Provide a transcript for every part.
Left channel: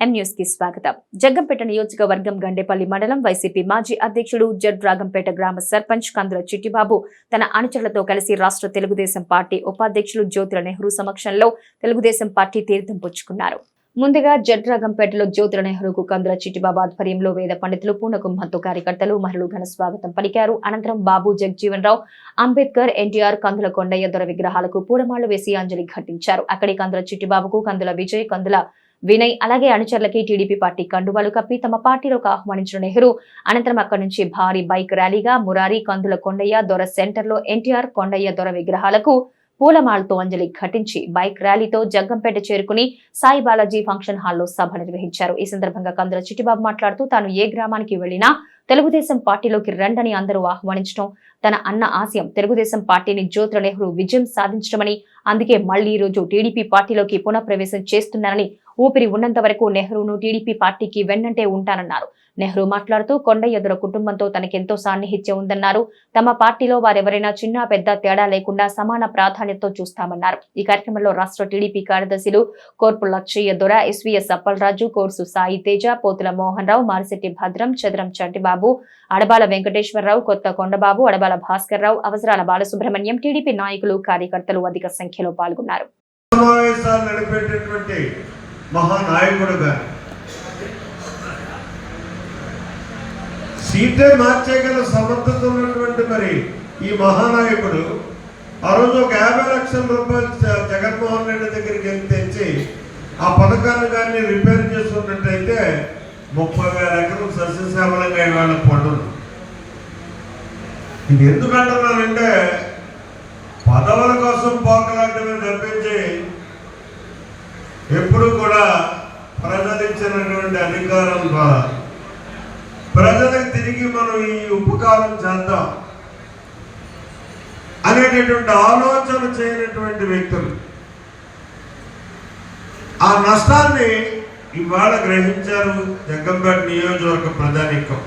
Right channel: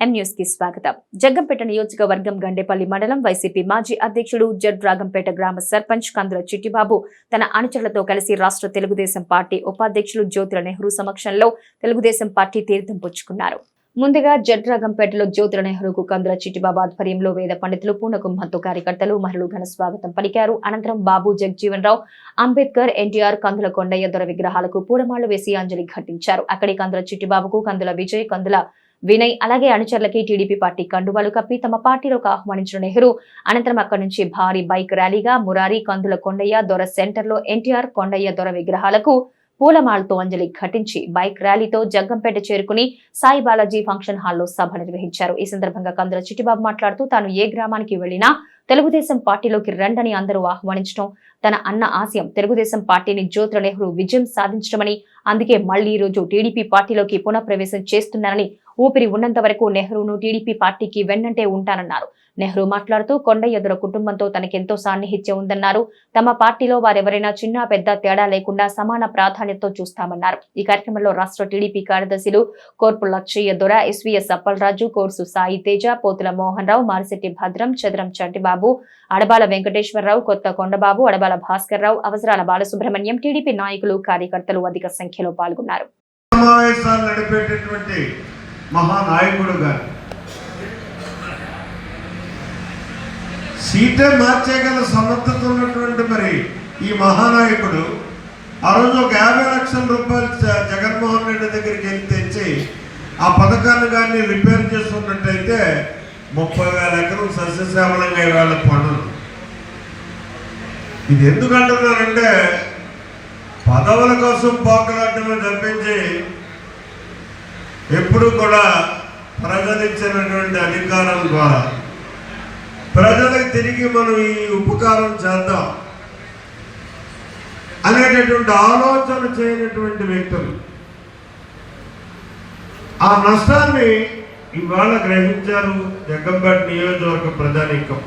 కి స్వాగతం. జగ్గంపేట నియోజకవర్గం గండేపల్లి మండలం వైసీపీ మాజీ అధ్యక్షుడు జడ్ రాగంపేట గ్రామ సర్పంచ్ కందుల చిట్టిబాబు తన అనుచరులతో కలిసి రాష్ట్ర తెలుగుదేశం పార్టీ ఉపాధ్యక్షులు జ్యోతుల నెహ్రూ సమక్షంలో తెలుగుదేశం పార్టీ తీర్థం పుచ్చుకున్నారు. ముందుగా జడ్రాగంపేటలో జ్యోతుల నెహ్రూకు కందుల చిట్టిబాబు ఆధ్వర్యంలో వేద పండితులు పూర్ణకుంభంతో కార్యకర్తలు మహిళలు ఘన స్వాగతం పలికారు. అనంతరం బాబు జగజీవన్ రావు అంబేద్కర్ ఎన్టీఆర్ కందుల కొండయ్య దొర విగ్రహాలకు పూలమాలు వేసి అంజలి ఘటించారు. అక్కడి కందుల చిట్టిబాబుకు కందుల విజయ్ కందుల వినయ్ అలాగే అనుచరులకి టీడీపీ పార్టీ కండువాలు కప్పి తమ పార్టీలోకి ఆహ్వానించిన నెహ్రూ అనంతరం అక్కడి నుంచి భారీ బైక్ ర్యాలీగా మురారి కందుల కొండయ్య దొర సెంటర్లో ఎన్టీఆర్ కొండయ్య దొర విగ్రహాలకు పూలమాలతో అంజలి ఘటించి బైక్ ర్యాలీతో జగ్గంపేట చేరుకుని సాయి బాలాజీ ఫంక్షన్ హాల్లో సభ నిర్వహించారు. ఈ సందర్భంగా కందుల చిట్టిబాబు మాట్లాడుతూ తాను ఏ గ్రామానికి వెళ్ళినా తెలుగుదేశం పార్టీలోకి రండని అందరూ ఆహ్వానించడం తన అన్న ఆశయం తెలుగుదేశం పార్టీని జ్యోతుల నెహ్రూ విజయం సాధించడమని అందుకే మళ్ళీ ఈ రోజు టీడీపీ పార్టీలోకి పునఃప్రవేశం చేస్తున్నారని ఊపిరి ఉన్నంత వరకు నెహ్రూను టీడీపీ పార్టీకి వెన్నంటే ఉంటానన్నారు. నెహ్రూ మాట్లాడుతూ కొండయ్యదుర కుటుంబంతో తనకెంతో సాన్నిహిత్యం ఉందన్నారు. తమ పార్టీలో వారెవరైనా చిన్న పెద్ద తేడా లేకుండా సమాన ప్రాధాన్యతతో చూస్తామన్నారు. ఈ కార్యక్రమంలో రాష్ట్ర టీడీపీ కార్యదర్శులు కోర్పు లచ్చయ్య దొర ఎస్వీఎస్ అప్పలరాజు కోర్సు సాయి తేజ పోతుల మోహన్ రావు మారిశెట్టి భద్రం చదరం చంటిబాబు అడబాల వెంకటేశ్వరరావు కొత్త కొండబాబు అడబాల భాస్కర్ రావు అవసరాల బాలసుబ్రహ్మణ్యం టీడీపీ నాయకులు కార్యకర్తలు అధిక సంఖ్యలో పాల్గొన్నారు. మహానాయకుడుగా సీటే మార్చేయగల సమర్థత ఉన్నటువంటి మరి ఈ మహానాయకుడు ఆ రోజు ఒక యాభై లక్షల రూపాయలు జగన్మోహన్ రెడ్డి దగ్గరికి వెళ్ళి తెచ్చి ఆ పథకాన్ని కానీ రిపేర్ చేస్తున్నట్టయితే ముప్పై వేల ఎకరం సస్యశ్రావణంగా ఇవాళ పడదు ఇది ఎందుకు అంటున్నానంటే పదవుల కోసం పోకలాటమే తప్పించి ఎప్పుడు కూడా ప్రజలిచ్చినటువంటి అధికారం ద్వారా. ప్రజలకు తిరిగి మనం ఈ ఉపకారం చేద్దాం అనేటటువంటి ఆలోచన చేయనటువంటి వ్యక్తులు. ఆ నష్టాన్ని ఇవాళ గ్రహించారు జగ్గంపేట నియోజకవర్గ ప్రధానికం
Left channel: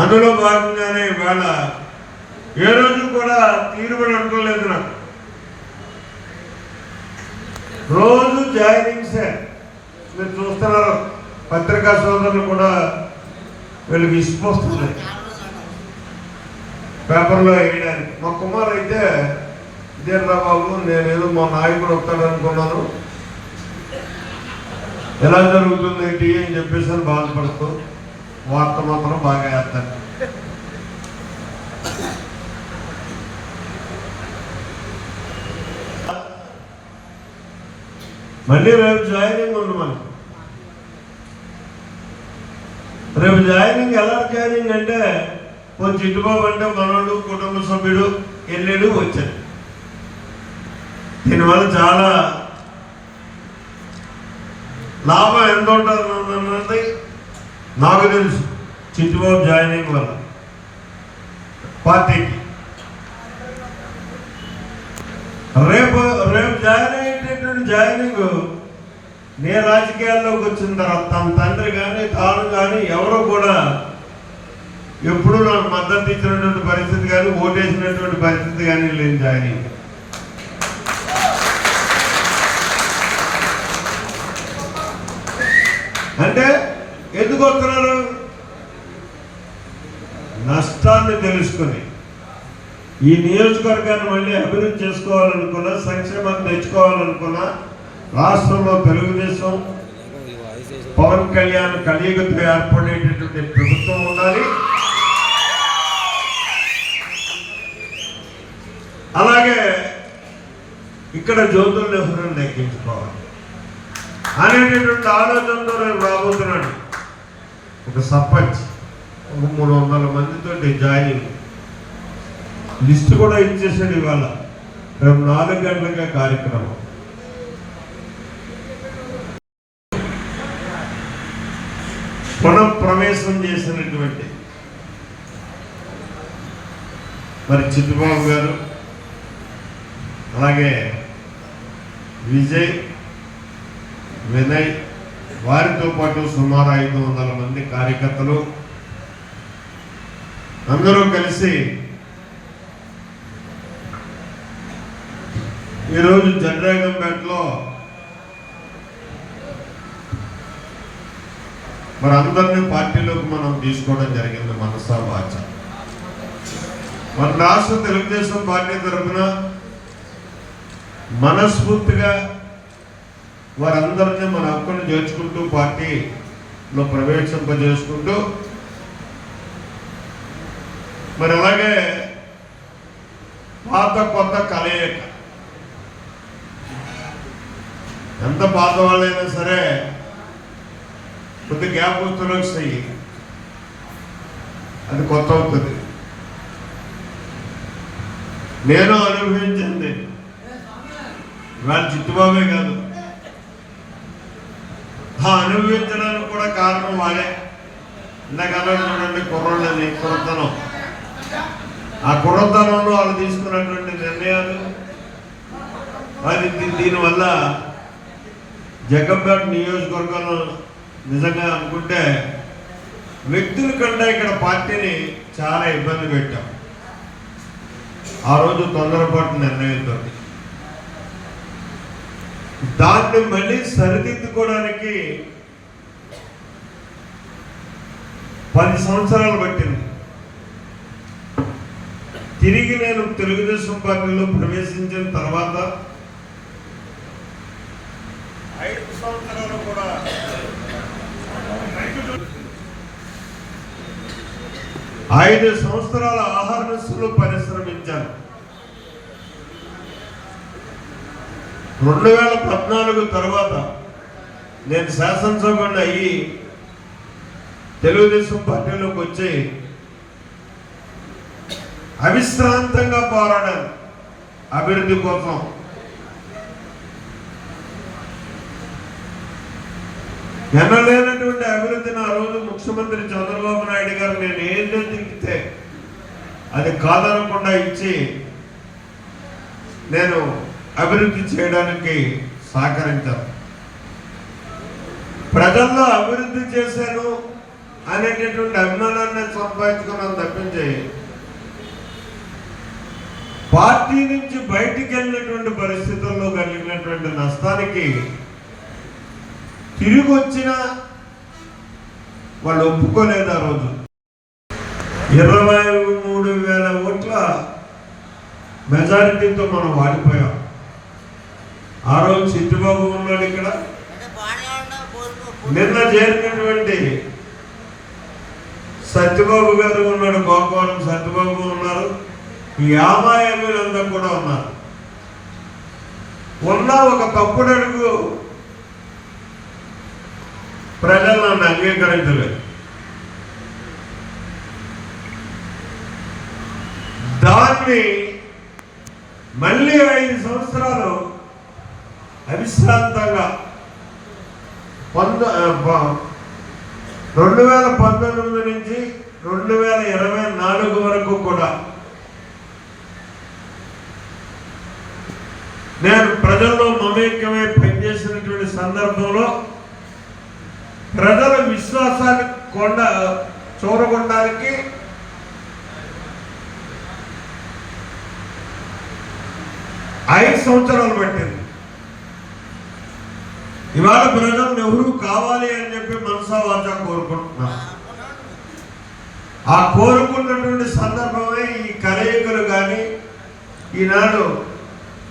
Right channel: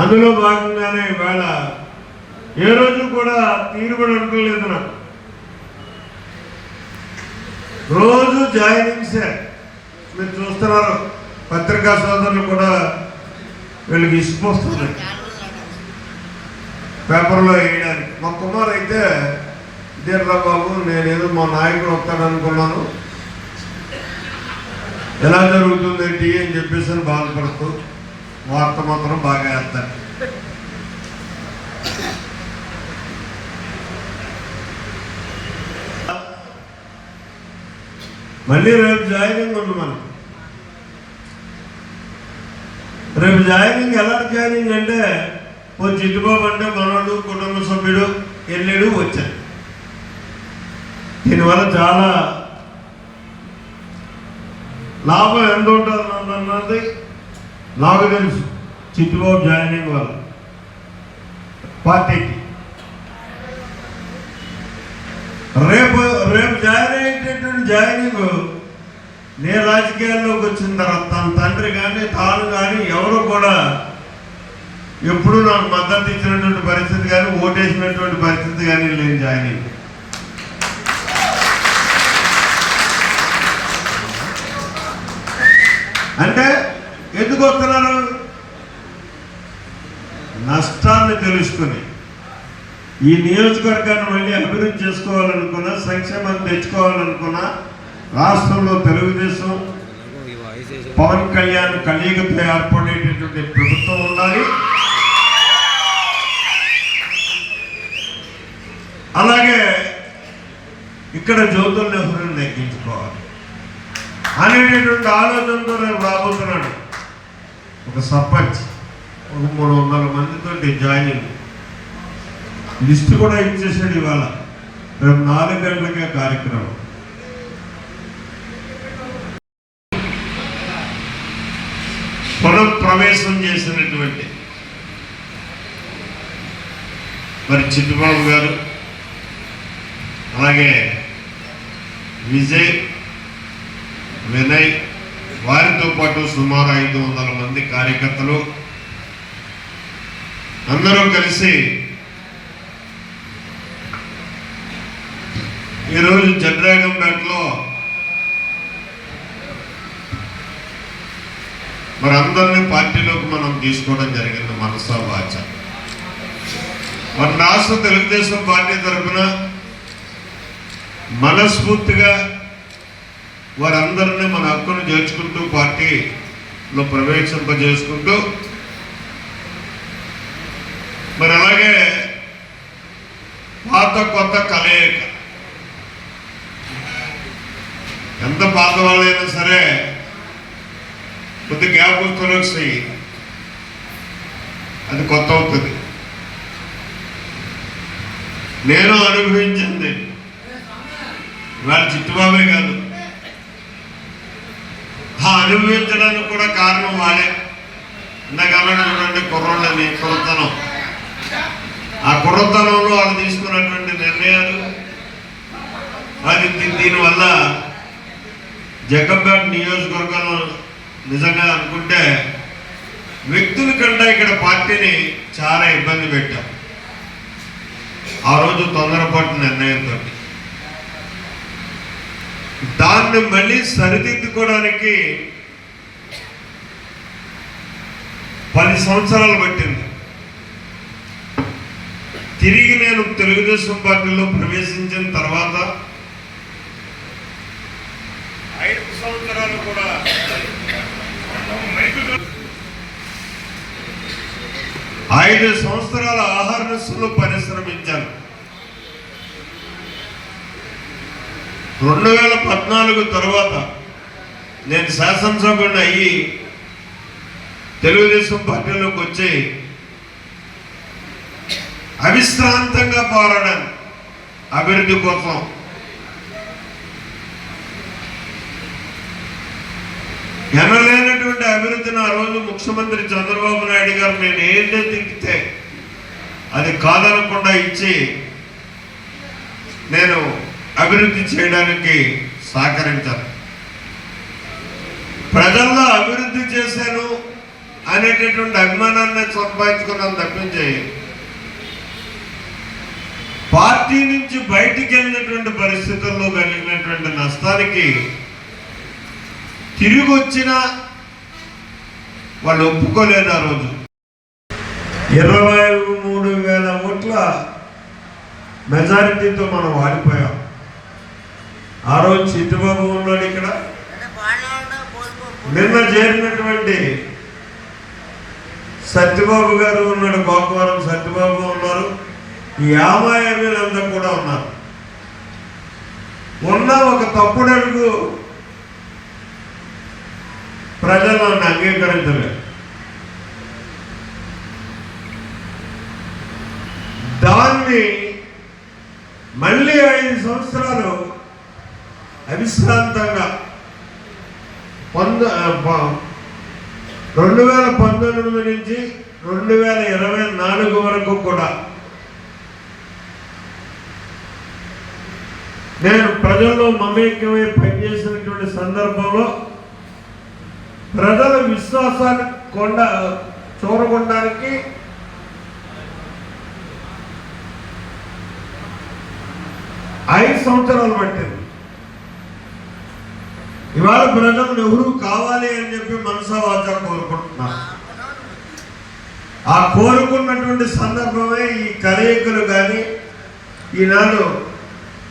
అందులో భాగంగానే ఇవాళ ఏ రోజు కూడా తీరుబడి అనుకోలేదు నాకు. రోజు జాయినింగ్సే మీరు చూస్తున్నారు. పత్రికా సోదరులు కూడా వీళ్ళకి ఇష్టపోస్తుంది పేపర్లో వేయడానికి. మా కుమార్ అయితే ఇదేరా బాబు నేనేదో మా నాయకుడు వస్తాడు అనుకున్నాను ఎలా జరుగుతుందేంటి? అని చెప్పేసి బాధపడుతూ వార్త మాత్రం బాగా వేస్తాను మళ్ళీ రేపు జాయినింగ్ ఉంది మనకు. రేపు జాయినింగ్ ఎలా జాయినింగ్ అంటే ఓ చిట్టుబాబు అంటే మనోడు కుటుంబ సభ్యుడు వెళ్ళాడు వచ్చాడు దీనివల్ల చాలా లాభం ఎంత ఉంటుంది అన్నది నాకు తెలుసు. చిట్టుబాబు జాయినింగ్ వల్ల. పార్టీకి. రేపు రేపు జాయిన్ అయ్యేటటువంటి జాయినింగ్. నేను రాజకీయాల్లోకి వచ్చిన తర్వాత తన తండ్రి కానీ తాను కానీ ఎవరు కూడా ఎప్పుడు నాకు మద్దతు ఇచ్చినటువంటి పరిస్థితి కానీ ఓటేసినటువంటి పరిస్థితి కానీ లేని జాయినింగ్. అంటే ఎందుకు వస్తున్నారు? నష్టాన్ని తెలుసుకుని. ఈ నియోజకవర్గాన్ని మళ్ళీ అభివృద్ధి చేసుకోవాలనుకున్నా సంక్షేమాన్ని తెచ్చుకోవాలనుకున్నా రాష్ట్రంలో తెలుగుదేశం పవన్ కళ్యాణ్ కలియుగతో ఏర్పడేటటువంటి ప్రభుత్వం ఉండాలి. అలాగే ఇక్కడ జ్యోతుల నెహ్రూ నెగ్గించుకోవాలి అనేటటువంటి ఆలోచనలో నేను రాబోతున్నాను ఒక సర్పంచ్ ఒక మూడు వందల మందితో జాయినింగ్ లిస్ట్ కూడా ఇచ్చేసాడు ఇవాళ? రేపు నాలుగు గంటలకే కార్యక్రమం. పునఃప్రవేశం చేసినటువంటి మరి చిట్టుబాబు గారు అలాగే విజయ్ వినయ్ వారితో పాటు సుమారు ఐదు వందల మంది కార్యకర్తలు అందరూ కలిసి ఈరోజు జడ్రాగంపేటలో మరి అందరినీ పార్టీలోకి మనం తీసుకోవడం జరిగింది మనసా వాచ. మన రాష్ట్ర తెలుగుదేశం పార్టీ తరఫున మనస్ఫూర్తిగా వారందరినీ మన హక్కును చేర్చుకుంటూ పార్టీలో ప్రవేశింపజేసుకుంటూ మరి అలాగే పాత కొత్త కలయిక ఎంత పాత వాళ్ళైనా సరే కొద్ది గ్యాప్ వస్తున్న అది కొత్త అవుతుంది. నేను అనుభవించింది. వాళ్ళ చిట్టుబాబే కాదు. ఆ అనుభవించడానికి కూడా కారణం వాడే. ఇందాక చూడండి కుర్రోళ్ళని కుర్రతనం. ఆ కుర్రతనంలో వాళ్ళు తీసుకున్నటువంటి నిర్ణయాలు అది దీనివల్ల జగంపేట నియోజకవర్గంలో నిజంగా అనుకుంటే వ్యక్తుల కంటే ఇక్కడ పార్టీని చాలా ఇబ్బంది పెట్టాం. ఆ రోజు తొందరపాటు నిర్ణయంతో. దాన్ని మళ్ళీ సరిదిద్దుకోవడానికి పది సంవత్సరాలు పట్టింది. తిరిగి నేను తెలుగుదేశం పార్టీలో ప్రవేశించిన తర్వాత ఐదు సంవత్సరాలు కూడా ఐదు సంవత్సరాల ఆహార నిస్సులో పరిశ్రమించాను. రెండు వేల పద్నాలుగు తర్వాత నేను శాసనసభ్యుడిని అయ్యి తెలుగుదేశం పార్టీలోకి వచ్చి అవిశ్రాంతంగా పోరాడాను. అభివృద్ధి కోసం ఎనలేనటువంటి అభివృద్ధిని ఆ రోజు ముఖ్యమంత్రి చంద్రబాబు నాయుడు గారు నేను ఏంటో తిక్కితే అది కాదనకుండా ఇచ్చి నేను అభివృద్ధి చేయడానికి సహకరించాను. ప్రజల్లో అభివృద్ధి చేశాను అనేటటువంటి అభిమానాన్ని సంపాదించుకున్నాను తప్పించి పార్టీ నుంచి బయటికి వెళ్ళినటువంటి పరిస్థితుల్లో కలిగినటువంటి నష్టానికి తిరిగి వచ్చిన వాళ్ళు ఒప్పుకోలేదు ఆ రోజు. ఇరవై మూడు వేల ఓట్ల మెజారిటీతో మనం వాడిపోయాం ఆ రోజు చిట్టుబాబు ఉన్నాడు ఇక్కడ. నిన్న చేరినటువంటి సత్యబాబు గారు ఉన్నాడు గోకవరం సత్యబాబు ఉన్నారు. ఈ యామాయర్లందరూ కూడా ఉన్నారు. ఉన్న ఒక తప్పుడు అడుగు ప్రజలు నన్ను అంగీకరించలేదు దాన్ని మళ్ళీ ఐదు సంవత్సరాలు అవిశ్రాంతంగా పంద రెండు వేల పంతొమ్మిది నుంచి రెండు వేల ఇరవై నాలుగు వరకు కూడా నేను ప్రజల్లో మమేక్యమై పనిచేసినటువంటి సందర్భంలో ప్రజల విశ్వాసాన్ని కొండ చూరగొనడానికి ఐదు సంవత్సరాలు పట్టింది. ఇవాళ ప్రజలు నెహ్రూ కావాలి అని చెప్పి మనసా వాచ కోరుకుంటున్నారు ఆ కోరుకున్నటువంటి సందర్భమే ఈ కలయికలు కానీ ఈనాడు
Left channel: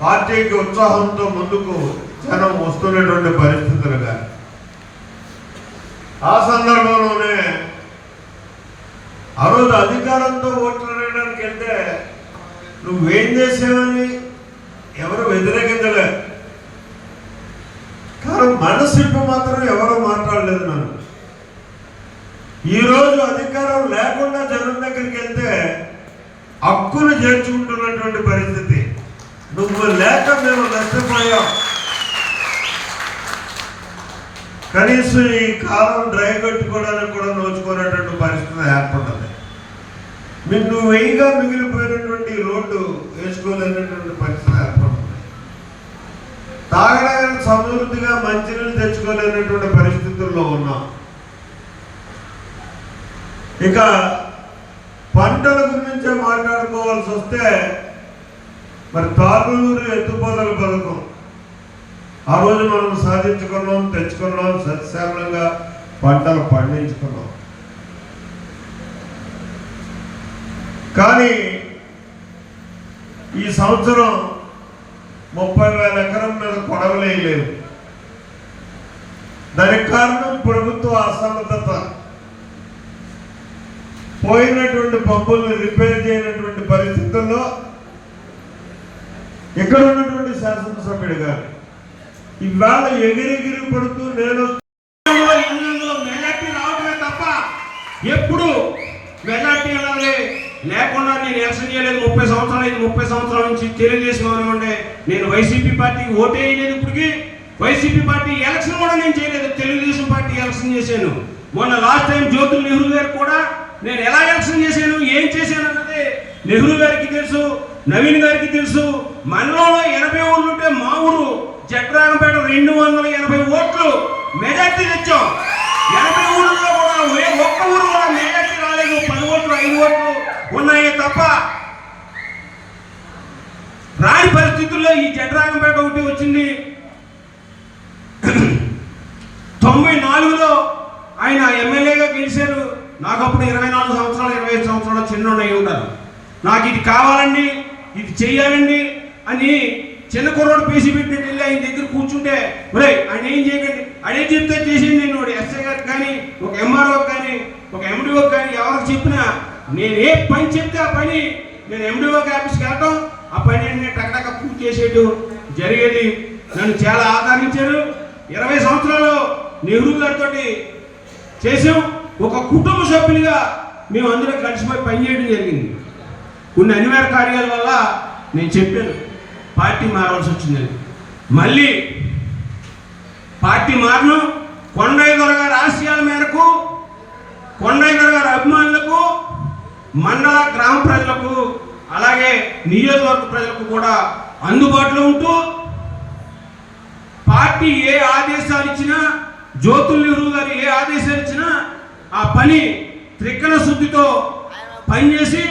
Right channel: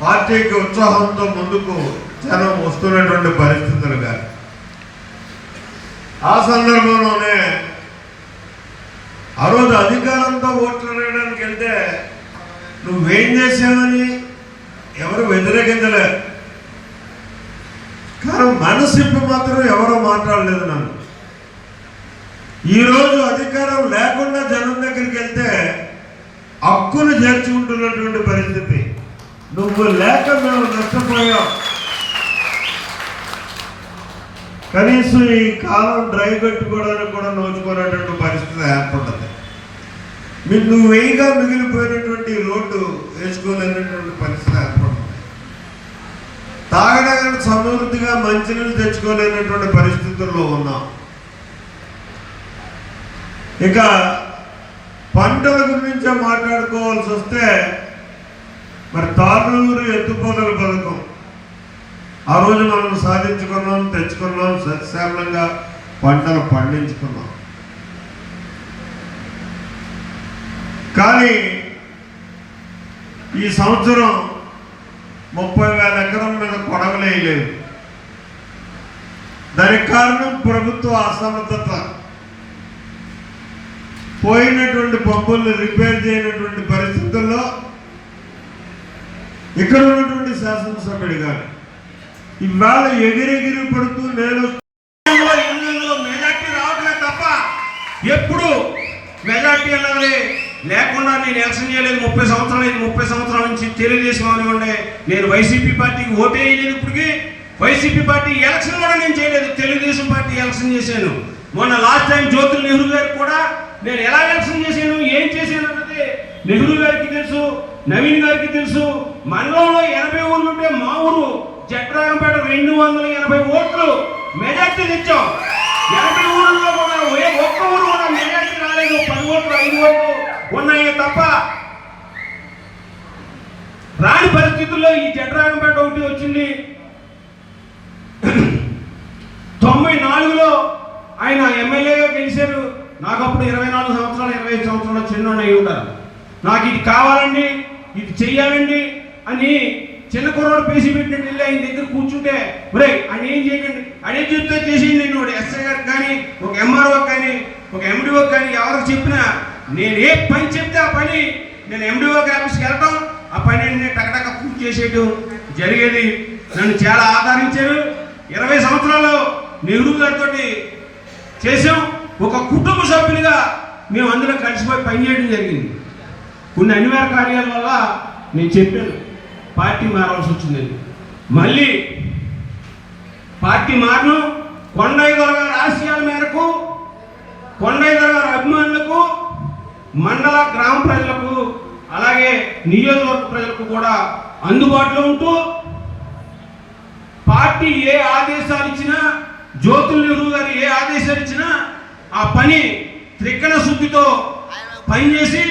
పార్టీకి ఉత్సాహంతో ముందుకు జనం వస్తున్నటువంటి పరిస్థితులు కానీ. ఆ సందర్భంలోనే ఆ రోజు అధికారంతో ఓట్లు వేయడానికి వెళ్తే నువ్వేం చేసావని ఎవరు వ్యతిరేకించలేరు కానీ మనసిప్పి మాత్రం ఎవరో మాట్లాడలేదు నన్ను. ఈరోజు అధికారం లేకుండా జనం దగ్గరికి వెళ్తే హక్కులు చేర్చుకుంటున్నటువంటి పరిస్థితి. నువ్వు లేక మేము నష్టపోయాం కనీసం ఈ కాలం డ్రై కట్టుకోవడానికి కూడా నోచుకునేటువంటి పరిస్థితి ఏర్పడుతుంది మీరు నువ్వు వేయిగా మిగిలిపోయినటువంటి లోటు వేసుకోలేనటువంటి పరిస్థితి ఏర్పడుతుంది తాగడానికి సమృద్ధిగా మంచినీళ్ళు తెచ్చుకోలేనటువంటి పరిస్థితుల్లో ఉన్నాం. ఇక పంటల గురించి మాట్లాడుకోవాల్సి వస్తే మరి తాళ్ళూరు ఎత్తుపోతల పథకం ఆ రోజు మనం సాధించుకున్నాం తెచ్చుకున్నాం సత్యశామలంగా పంటలు పండించుకున్నాం. కానీ ఈ సంవత్సరం ముప్పై వేల ఎకరం మీద కొడవలేయలేదు దానికి కారణం ప్రభుత్వ అసమర్థత. పోయినటువంటి పంపుల్ని రిపేర్ చేయనటువంటి పరిస్థితుల్లో ఇక్కడ ఉన్నటువంటి శాసనసభ్యుడు గారు ఇవాళ ఎగిరెగిరి పడుతూ నేను ఎన్నికల్లో మెజార్టీ రావడమే తప్ప ఎప్పుడు మెజార్టీ అనేది లేకుండా నేను ఎలక్షన్ చేయలేదు. ముప్పై సంవత్సరాలు అయింది. ముప్పై సంవత్సరాల నుంచి తెలుగుదేశం ఉండే నేను వైసీపీ పార్టీకి ఓటే వేయలేదు ఇప్పటికి. వైసీపీ పార్టీ ఎలక్షన్ కూడా నేను చేయలేదు. తెలుగుదేశం పార్టీ ఎలక్షన్ చేశాను. మొన్న లాస్ట్ టైం జ్యోతుల్ నెహ్రూ గారికి కూడా నేను ఎలా ఎలక్షన్ చేశాను ఏం చేశాను అంటే నెహ్రూ గారికి తెలుసు నవీన్ గారికి తెలుసు. మండలంలో ఎనభై ఊళ్ళు ఉంటే మా ఊరు జట్రాగపేట రెండు వందల ఎనభై ఓట్లు మెజార్టీ తెచ్చాం. ఎనభై ఊళ్ళలో కూడా ఏ ఒక్క ఊరు కూడా మెజార్టీ రాలేదు. పది ఓట్లు ఐదు ఓట్లు ఉన్నాయి తప్ప రాని పరిస్థితుల్లో ఈ జట్రాగపేట ఒకటి వచ్చింది. తొంభై నాలుగులో ఆయన ఎమ్మెల్యేగా గెలిచారు. నాకు అప్పుడు ఇరవై నాలుగు సంవత్సరాలు ఇరవై ఐదు సంవత్సరాలు చిన్న ఉంటారు. నాకు ఇది కావాలండి ఇది చెయ్యాలండి అని చిన్న కుర్రోడు పేసి పెట్టినట్టు వెళ్ళి ఆయన దగ్గర కూర్చుంటే ఒరే ఆయన ఏం చేయకండి ఆయన ఏం చెప్తే చేసేయండి నేను ఒకటి ఎస్ఐ గారికి కానీ ఒక ఎంఆర్ఓ కానీ ఒక ఎండిఓ కానీ ఎవరికి చెప్పినా నేను ఏ పని చెప్తే ఆ పని నేను ఎండిఓ ఆఫీస్కి వెళ్ళటం ఆ పని నేను టకటక పూర్తి చేసేయడం జరిగేది. నన్ను చాలా ఆదరించారు. ఇరవై సంవత్సరాలు నెహ్రూ గారితో చేసాం ఒక కుటుంబ సభ్యులుగా మేము అందరం కలిసిపోయి పనిచేయడం జరిగింది. కొన్ని అనివార్య కార్యాల వల్ల నేను చెప్పాను పార్టీ మారాల్సి వచ్చిందని మళ్ళీ పార్టీ మారను కొండయ్య గారి ఆశయాల మేరకు కొండయ్య గారి అభిమానులకు మండల గ్రామ ప్రజలకు అలాగే నియోజకవర్గ ప్రజలకు కూడా అందుబాటులో ఉంటూ పార్టీ ఏ ఆదేశాలు ఇచ్చినా జ్యోతుల్ నెహ్రూ గారు ఏ ఆదేశాలు ఇచ్చినా ఆ పని త్రికల శుద్ధితో పనిచేసి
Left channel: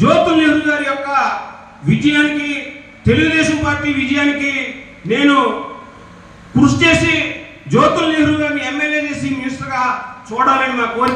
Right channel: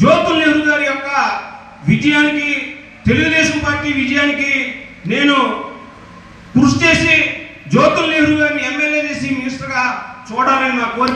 జ్యోతుల్ నెహ్రూ గారి యొక్క విజయానికి తెలుగుదేశం పార్టీ విజయానికి నేను కృషి చేసి జ్యోతుల్ నెహ్రూ గారిని ఎమ్మెల్యే చేసి మినిస్టర్గా చూడాలని నా కోరిక.